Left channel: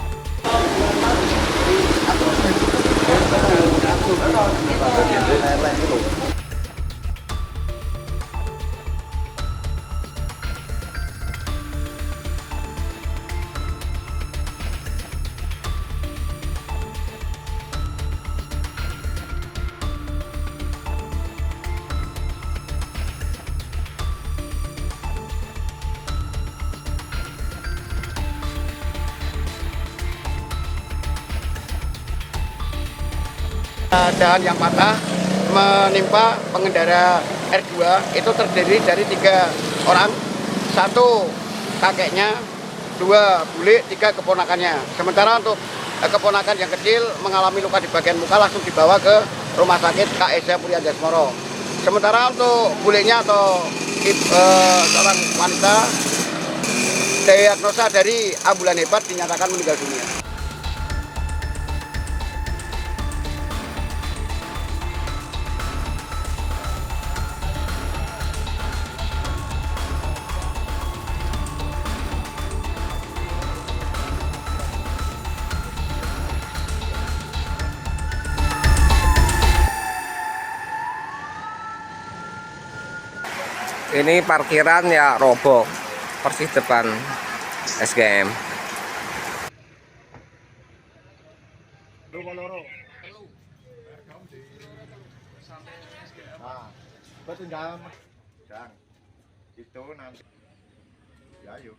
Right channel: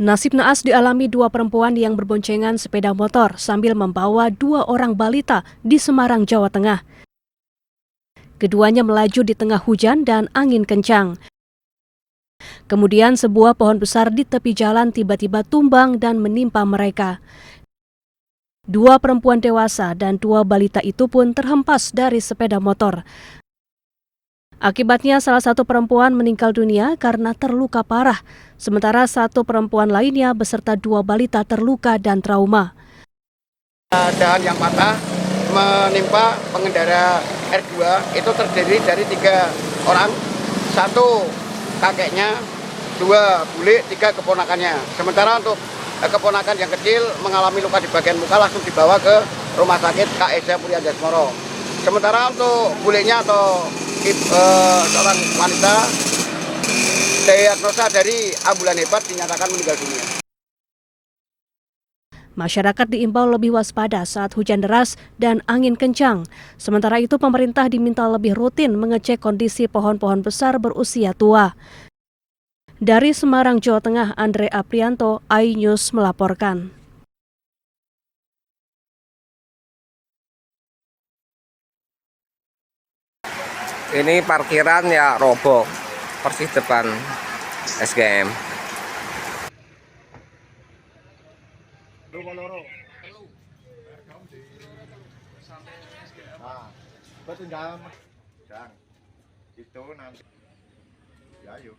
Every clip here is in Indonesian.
Nasib naas dialami dua perempuan yang berboncengan sepeda motor sambil membawa dua orang balita di Semarang, Jawa Tengah. Keduanya melaju di tengah hujan dan angin kencang. Kemudian sebuah pohon besar di tepi jalan tiba-tiba tumbang dan menimpa mereka. Dua perempuan dewasa dan dua balita itu pun terhempas dari sepeda motor. Akibatnya salah satu perempuan meninggal dunia karena terluka parah. Sementara satu perempuan lainnya beserta dua balita terluka dan trauma. Dahan yang patah menimpa pengendara R2 itu terdiri dari 3 orang, 1 kakeknya, 2 bule, 3 keponakannya. Sementara untuk keponakan yang kecil mengalami luka di bagian muka langsung dibawa ke rumah sakit KSA Puri Anjasmara. Sementara untuk bulenya atau seorang wanita diagnosa dari ambulan hebat dinyatakan meninggal dunia. Masyarakat diimbau lebih waspada saat hujan deras dan angin kencang. Sementara itu pemerintah diminta lebih rutin mengecek kondisi pohon-pohon besar berusia tua. Dari Semarang, Jawa Tengah, Andre Aprianto, iNews melaporkan. Ini parkiran ya roboh, persis depan SGM. Itu nanti ya yuk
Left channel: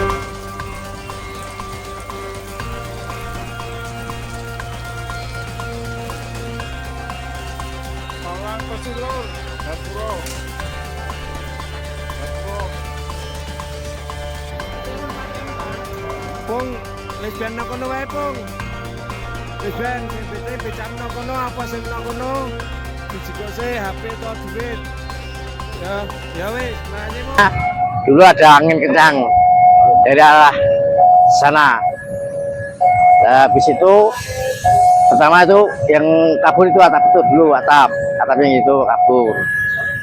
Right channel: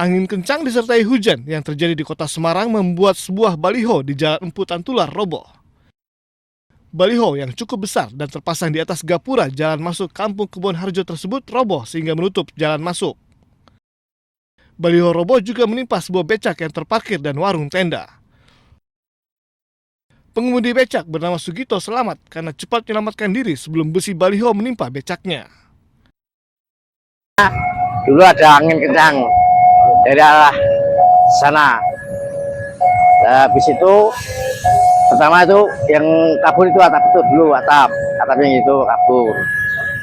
Angin kencang disertai hujan yang terjadi di kota Semarang membuat sebuah baliho di Jalan Empu Tantular roboh. Baliho yang cukup besar dan terpasang di atas gapura jalan masuk Kampung Kebon Harjo tersebut roboh sehingga menutup jalan masuk. Baliho roboh juga menimpa sebuah becak yang terparkir dan warung tenda. Pengemudi becak bernama Sugito selamat karena cepat menyelamatkan diri sebelum besi baliho menimpa becaknya. Dulu ada angin kencang dari arah sana. Habis itu pertama itu yang kabur itu atap itu dulu, atapnya itu kabur.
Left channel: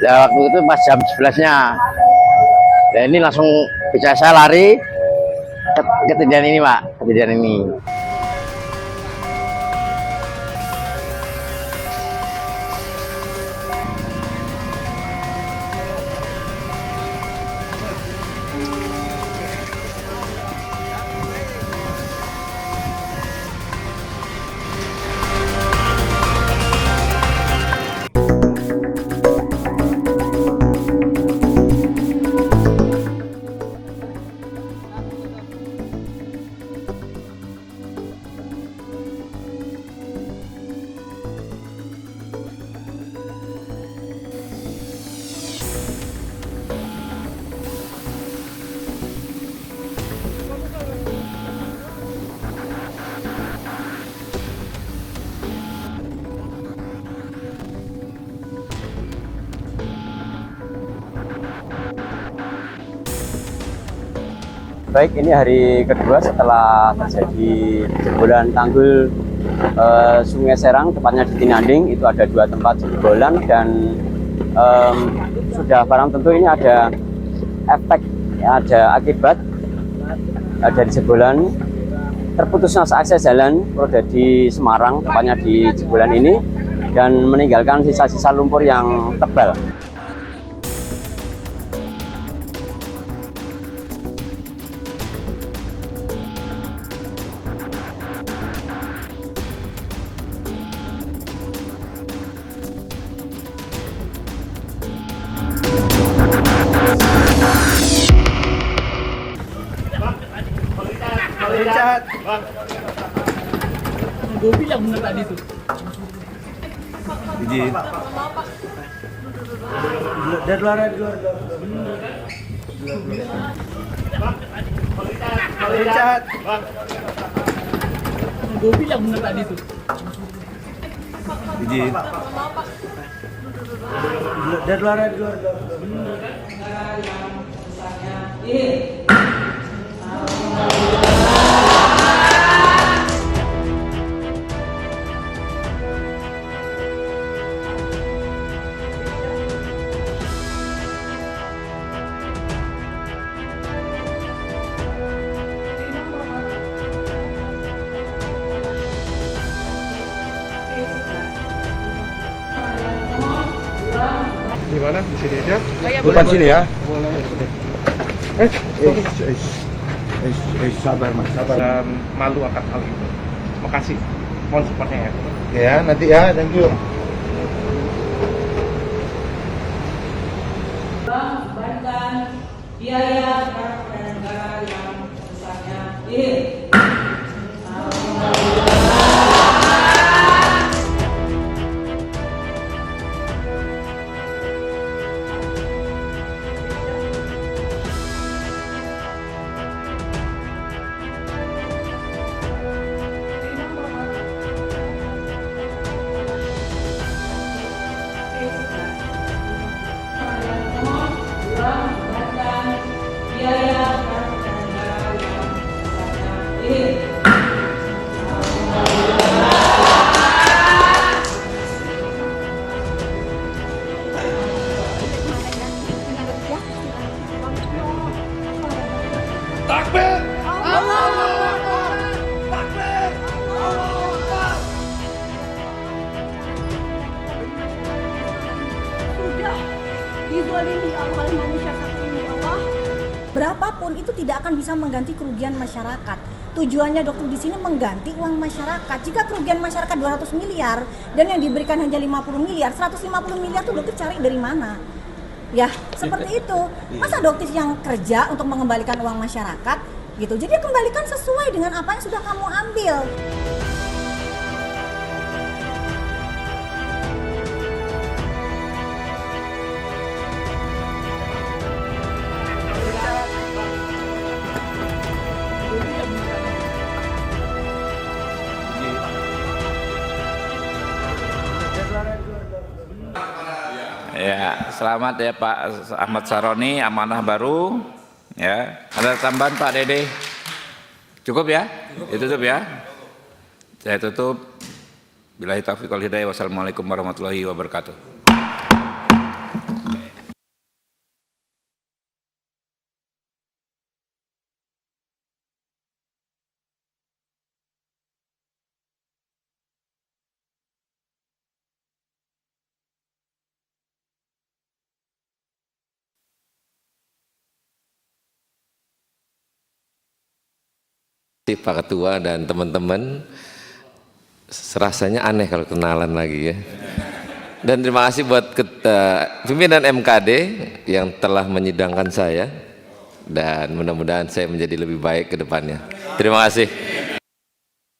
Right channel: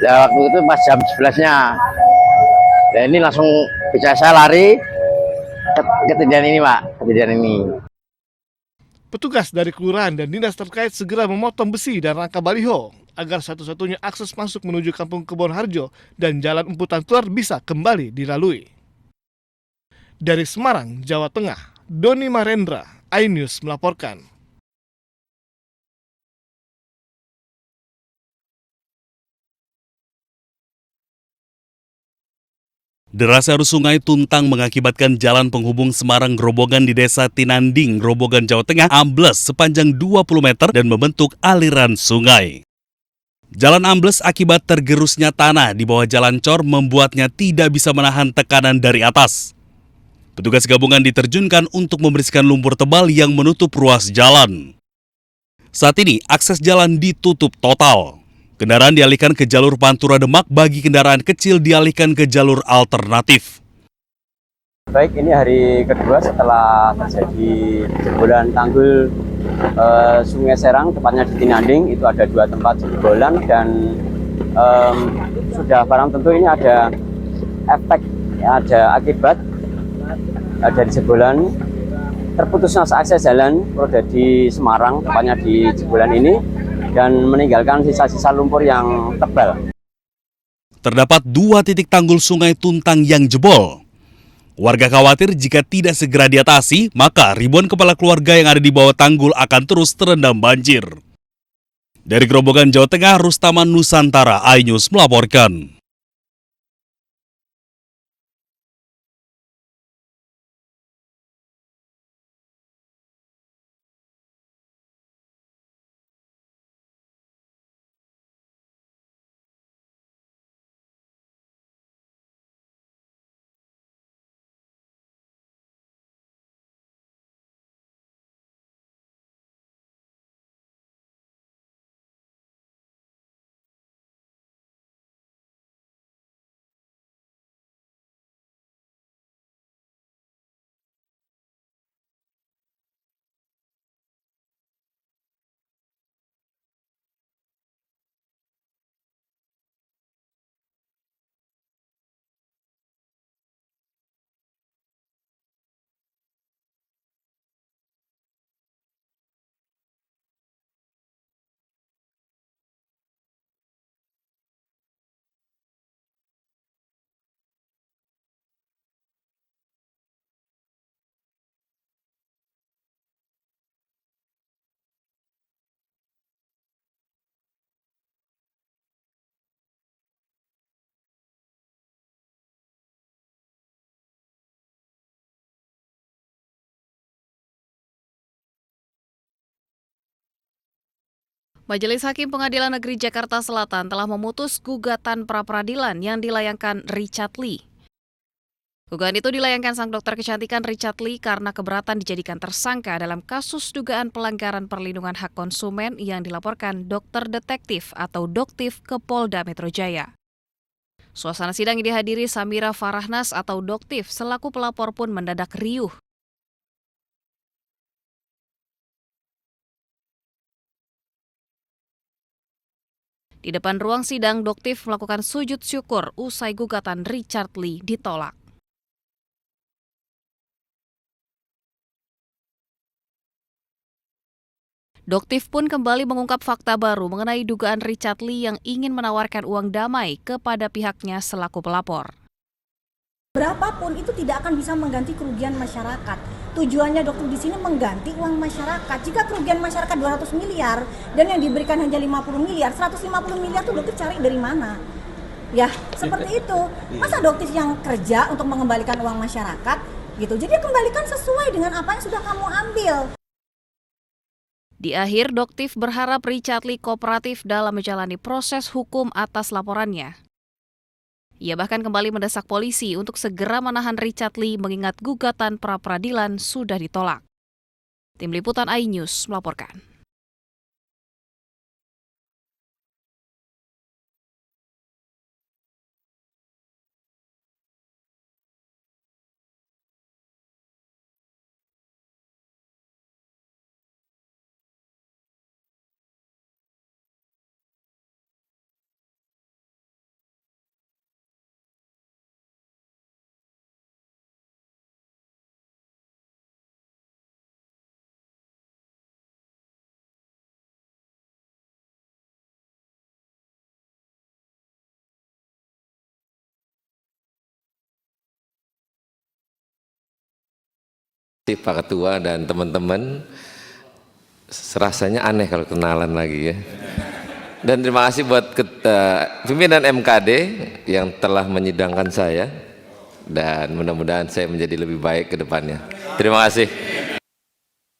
Waktu itu pas jam 11-nya. Dan ini langsung bisa saya lari kejadian ini, Pak, kejadian ini. Petugas dari kelurahan dan dinas terkait segera memotong besi dan rangka baliho agar satu-satunya akses masuk menuju Kampung Kebon Harjo dan Jalan Empu Tantular bisa kembali dilalui. Dari Semarang, Jawa Tengah, Doni Marendra, iNews melaporkan. Derasnya arus sungai Tuntang mengakibatkan jalan penghubung Semarang Grobogan di Desa Tinanding, Grobogan, Jawa Tengah ambles sepanjang 20 meter dan membentuk aliran sungai. Jalan ambles akibat tergerusnya tanah di bawah jalan cor membuatnya tidak bisa menahan tekanan dari atas. Petugas gabungan diterjunkan untuk membersihkan lumpur tebal yang menutup ruas jalan. Saat ini akses jalan ditutup total. Kendaraan dialihkan ke jalur Pantura Demak, bagi kendaraan kecil dialihkan ke jalur alternatif. Baik, ini hari kedua setelah terjadi jebolan tanggul Sungai Serang, tepatnya di Tinanding. Itu ada 2 tempat jebolan dan sudah barang tentu ini ada efek, ada akibat dari jebolan terputusnya akses jalan Prodadi Semarang, tepatnya di jebolan ini, dan meninggalkan sisa-sisa lumpur yang tebal. Terdapat 2 titik tanggul sungai Tuntang yang jebol. Warga khawatir jika tidak segera diatasi, maka ribuan kepala keluarga yang ada di bawah tanggul akan terus terendam banjir. Dari Grobogan, Jawa Tengah, Rustaman Nusantara, iNews melaporkan. Gue bilang bener tadi tuh. Izin. Dari luar. Gue bilang bener tadi tuh. Izin. Dari luar. Di mana? Di sini aja? Depan sini ya. Sabar mas, sabar. Dan malu akan hal itu. Makasih, mohon supportnya ya. Ya, nanti ya, thank you. Majelis Hakim Pengadilan Negeri Jakarta Selatan telah memutus gugatan pra-peradilan yang dilayangkan Richard Lee. Gugatan itu dilayangkan sang dokter kecantikan Richard Lee karena keberatan dijadikan tersangka dalam kasus dugaan pelanggaran perlindungan hak konsumen yang dilaporkan dokter detektif atau Doktif ke Polda Metro Jaya. Suasana sidang yang dihadiri Samira Farahnas atau Doktif selaku pelapor pun mendadak riuh. Di depan ruang sidang, Doktif melakukan sujud syukur usai gugatan Richard Lee ditolak. Doktif pun kembali mengungkap fakta baru mengenai dugaan Richard Lee yang ingin menawarkan uang damai kepada pihaknya selaku pelapor. Berapapun itu tidak akan bisa mengganti kerugian masyarakat. Tujuannya dokter di sini mengganti uang masyarakat. Jika kerugian masyarakat 200 miliar dan yang diberikan hanya 50 miliar, 150 miliar itu dokter cari dari mana? Ya, seperti itu. Masa dokter yang kerja untuk mengembalikan uang masyarakat gitu. Jadi kembalikan sesuai dengan apa yang sudah kamu ambil. Di akhir, Doktif berharap Richard Lee kooperatif dalam menjalani proses hukum atas laporannya. Ia bahkan kembali mendesak polisi untuk segera menahan Richard Lee mengingat gugatan pra-peradilan sudah ditolak. Tim Liputan iNews melaporkan. Ya, selamat ya Pak Ahmad Saroni, amanah baru. Ya, ada tambahan Pak Dede? Cukup ya? Ditutup ya? Saya tutup. Billahi taufiq wal hidayah. Wassalamualaikum warahmatullahi wabarakatuh. Pak Ketua dan teman-teman, rasanya aneh kalau kenalan lagi ya. Dan terima kasih buat pimpinan MKD yang telah menyidangkan saya dan mudah-mudahan saya menjadi lebih baik ke depannya. Terima kasih.